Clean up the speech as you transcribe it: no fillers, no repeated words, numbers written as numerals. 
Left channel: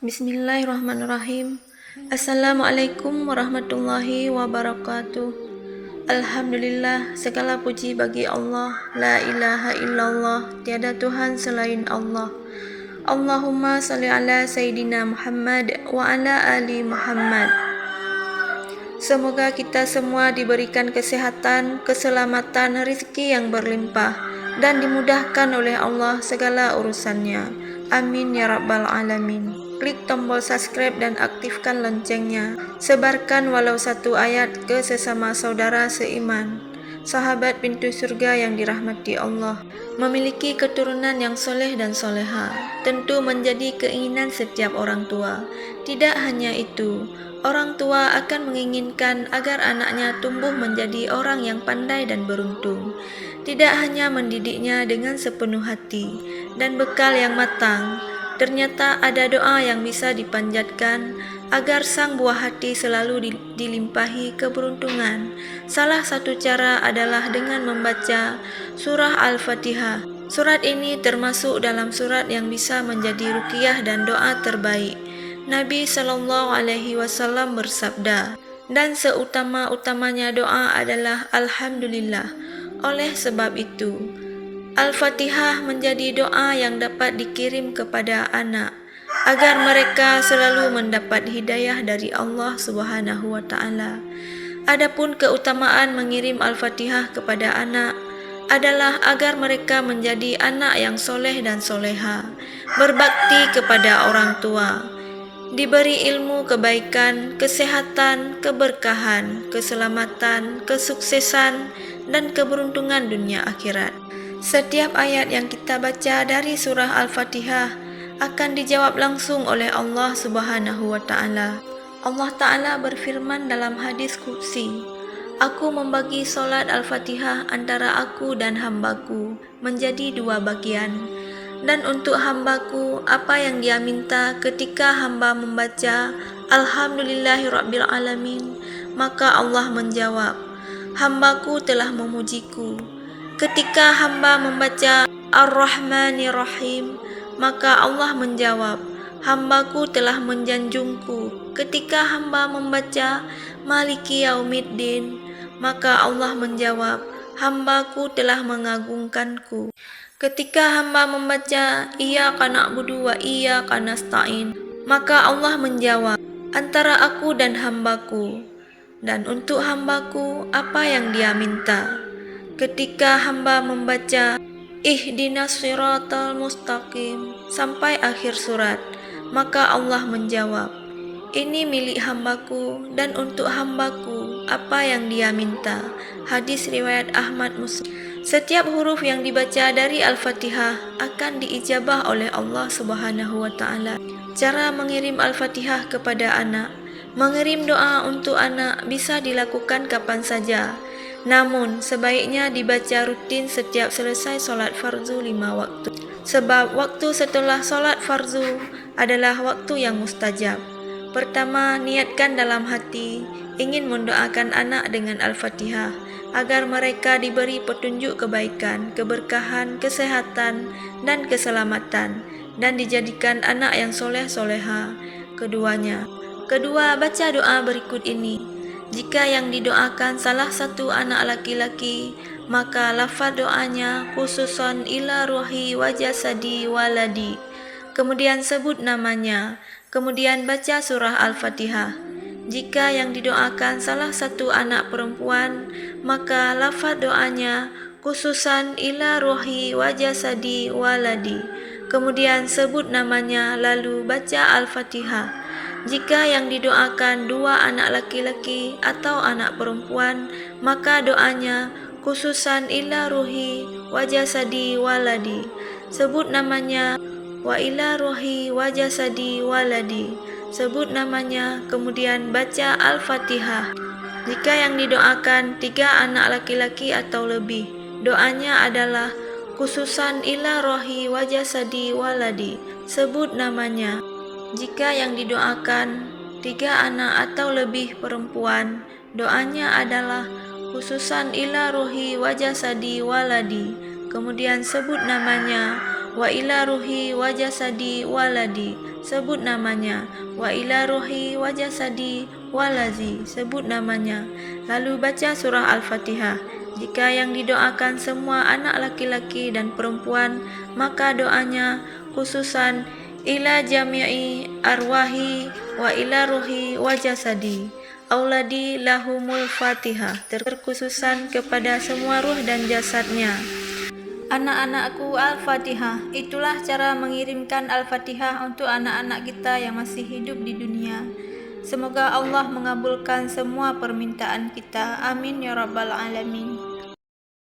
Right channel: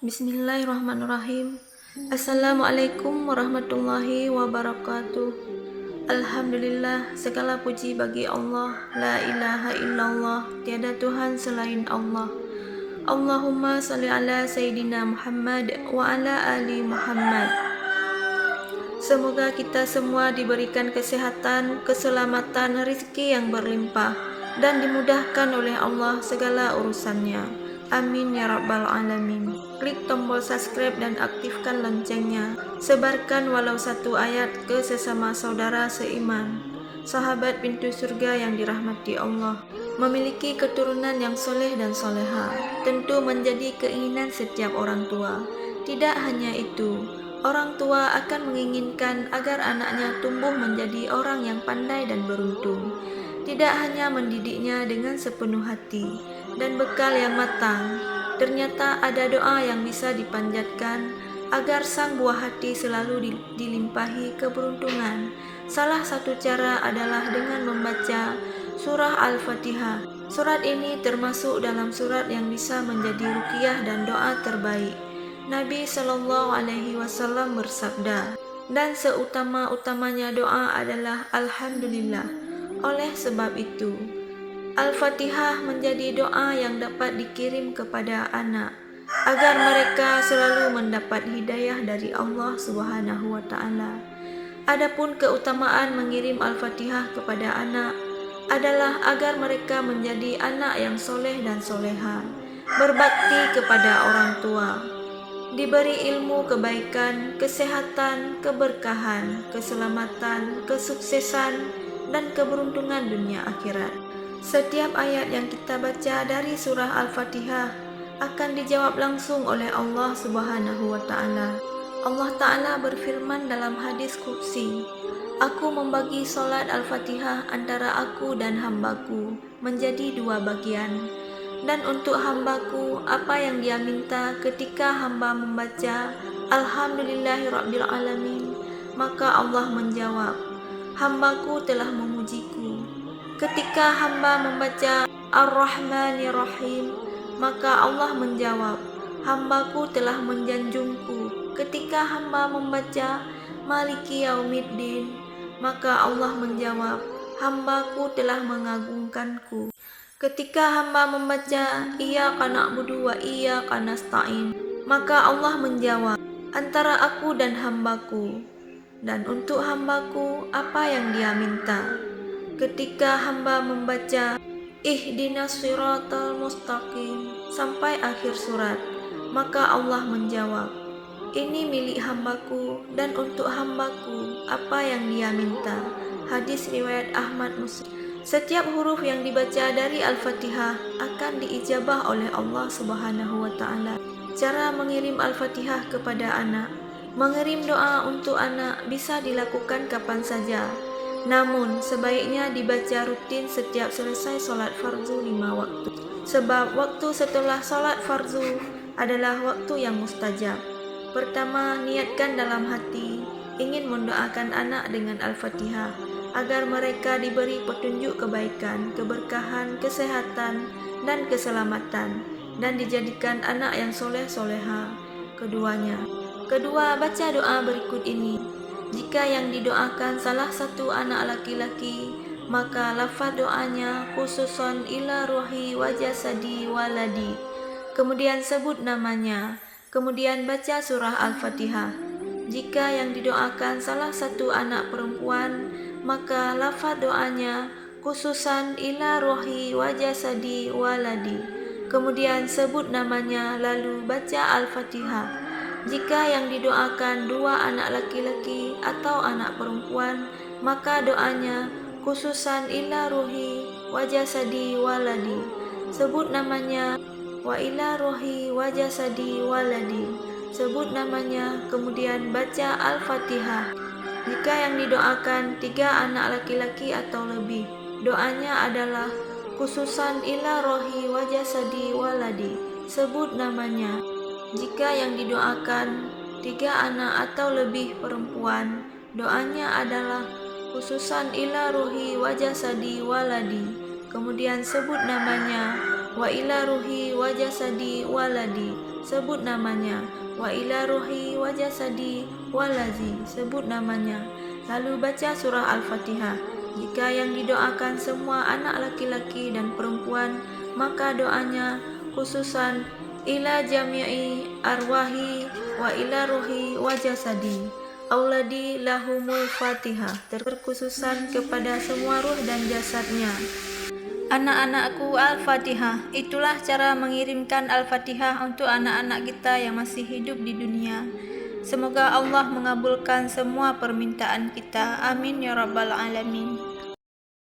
Bismillahirrahmanirrahim. Assalamualaikum warahmatullahi wabarakatuh. Alhamdulillah, segala puji bagi Allah. La ilaha illallah, tiada Tuhan selain Allah. Allahumma salli ala Sayyidina Muhammad wa ala ali Muhammad. Semoga kita semua diberikan kesehatan, keselamatan, rezeki yang berlimpah, dan dimudahkan oleh Allah segala urusannya. Amin ya rabbal alamin. Klik tombol subscribe dan aktifkan loncengnya. Sebarkan walau satu ayat ke sesama saudara seiman. Sahabat pintu surga yang dirahmati Allah, memiliki keturunan yang soleh dan soleha tentu menjadi keinginan setiap orang tua. Tidak hanya itu, orang tua akan menginginkan agar anaknya tumbuh menjadi orang yang pandai dan beruntung. Tidak hanya mendidiknya dengan sepenuh hati dan bekal yang matang, ternyata ada doa yang bisa dipanjatkan agar sang buah hati selalu dilimpahi keberuntungan. Salah satu cara adalah dengan membaca surah Al-Fatihah. Surat ini termasuk dalam surat yang bisa menjadi ruqyah dan doa terbaik. Nabi Shallallahu Alaihi Wasallam bersabda, dan seutama-utamanya doa adalah Alhamdulillah. Oleh sebab itu, Al-Fatihah menjadi doa yang dapat dikirim kepada anak agar mereka selalu mendapat hidayah dari Allah Subhanahu wa taala. Adapun keutamaan mengirim Al-Fatihah kepada anak adalah agar mereka menjadi anak yang soleh dan soleha, berbakti kepada orang tua, diberi ilmu kebaikan, kesehatan, keberkahan, keselamatan, kesuksesan, dan keberuntungan dunia akhirat. Setiap ayat yang kita baca dari surah Al-Fatihah akan dijawab langsung oleh Allah Subhanahu wa taala. Allah taala berfirman dalam hadis qudsi, "Aku membagi solat Al-Fatihah antara aku dan hambaku menjadi dua bagian. Dan untuk hambaku, apa yang dia minta ketika hamba membaca Alhamdulillahirabbil alamin, maka Allah menjawab, hambaku telah memujiku. Ketika hamba membaca Ar-Rahmanir-Rahim, maka Allah menjawab, hambaku telah menjanjungku. Ketika hamba membaca Maliki Yaumiddin, maka Allah menjawab, hambaku telah mengagungkanku. Ketika hamba membaca Iyyaka na'budu wa iyyaka nasta'in, maka Allah menjawab, antara aku dan hambaku, dan untuk hambaku apa yang dia minta. Ketika hamba membaca Ihdinas siratal mustaqim sampai akhir surat, maka Allah menjawab, ini milik hambaku dan untuk hambaku apa yang dia minta. Hadis riwayat Ahmad Muslim. Setiap huruf yang dibaca dari Al-Fatihah akan diijabah oleh Allah Subhanahu wa taala. Cara mengirim Al-Fatihah kepada anak. Mengirim doa untuk anak bisa dilakukan kapan saja. Namun, sebaiknya dibaca rutin setiap selesai solat fardu 5 waktu. Sebab waktu setelah solat fardu adalah waktu yang mustajab. Pertama, niatkan dalam hati ingin mendoakan anak dengan Al-Fatihah agar mereka diberi petunjuk kebaikan, keberkahan, kesehatan, dan keselamatan, dan dijadikan anak yang soleh-soleha Kedua, baca doa berikut ini. Jika yang didoakan salah satu anak laki-laki, maka lafaz doanya khususon ila ruhi wa jasadi waladi. Kemudian sebut namanya, kemudian baca surah Al-Fatihah. Jika yang didoakan salah satu anak perempuan, maka lafaz doanya khususan ila ruhi wa jasadi waladi. Kemudian sebut namanya lalu baca Al-Fatihah. Jika yang didoakan dua anak laki-laki atau anak perempuan, maka doanya khususan ila ruhi wa jasadi waladi. Sebut namanya wa ila ruhi wa jasadi waladi. Sebut namanya, kemudian baca Al-Fatihah. Jika yang didoakan 3 anak laki-laki atau lebih, doanya adalah khususan ila rohi wa jasadi waladi. Sebut namanya. Jika yang didoakan 3 anak atau lebih perempuan, doanya adalah khususan ila ruhi wa jasadi waladi. Kemudian sebut namanya. Wa ila ruhi wa jasadi waladi, sebut namanya. Wa ila ruhi wa jasadi walazi, sebut namanya. Lalu baca surah Al-Fatihah. Jika yang didoakan semua anak laki-laki dan perempuan, maka doanya khususan ila jami'i arwahi wa ila ruhi wa jasadi auladi lahumul fatihah, terkhususan kepada semua ruh dan jasadnya. Anak-anakku, Al-Fatihah. Itulah cara mengirimkan Al-Fatihah untuk anak-anak kita yang masih hidup di dunia. Semoga Allah mengabulkan semua permintaan kita. Amin ya rabbal alamin.